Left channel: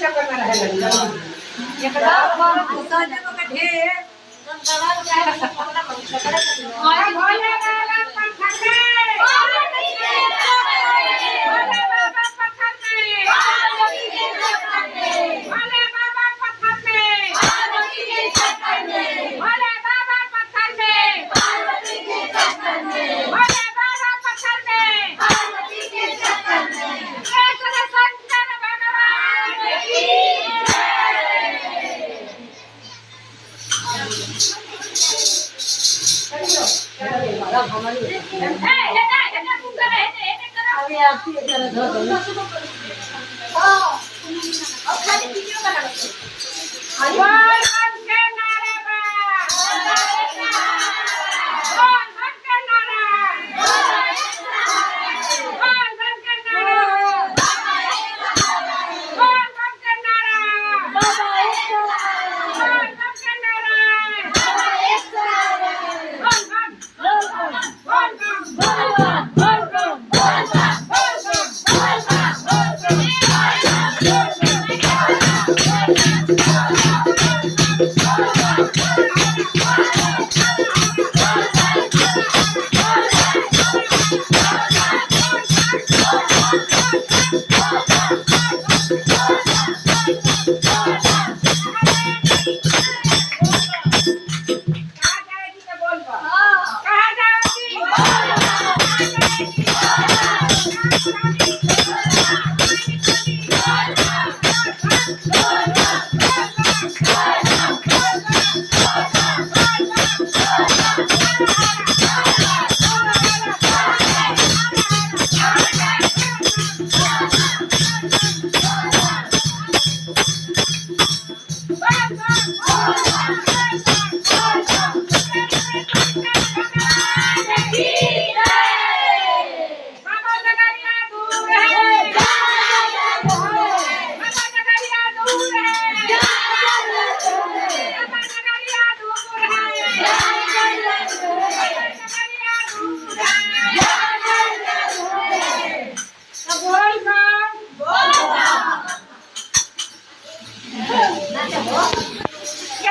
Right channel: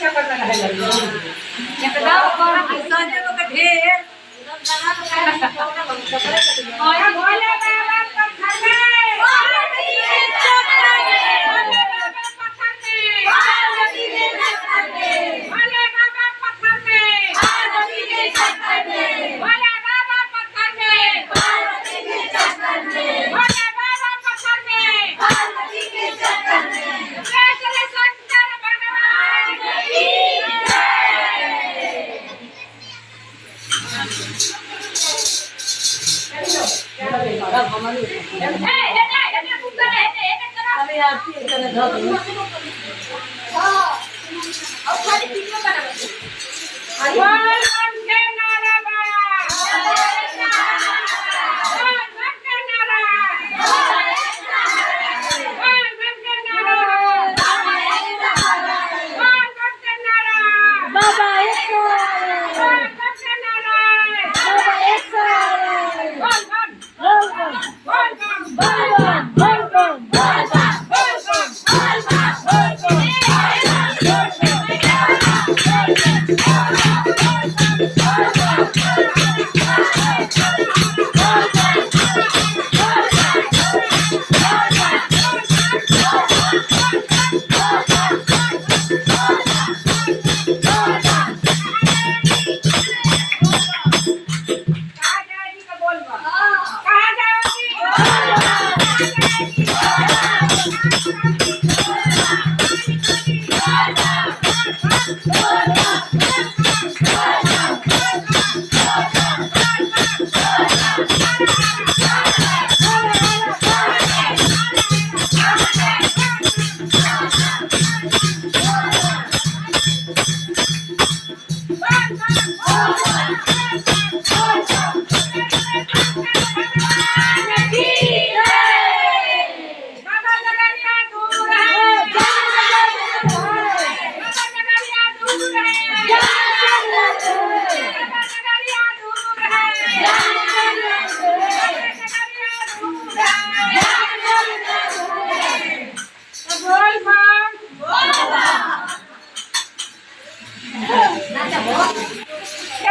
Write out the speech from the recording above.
चक्कर में रहे एकदम और संजय को ढेर और भोले बाबा पत्थर में भोले बाबा पत्थर में भोले बाबा पत्थर में भोले बाबा पत्थर में भोले बाबा पत्थर में कृष्ण शंकर भगवान की अभी आपकी तरह धो दो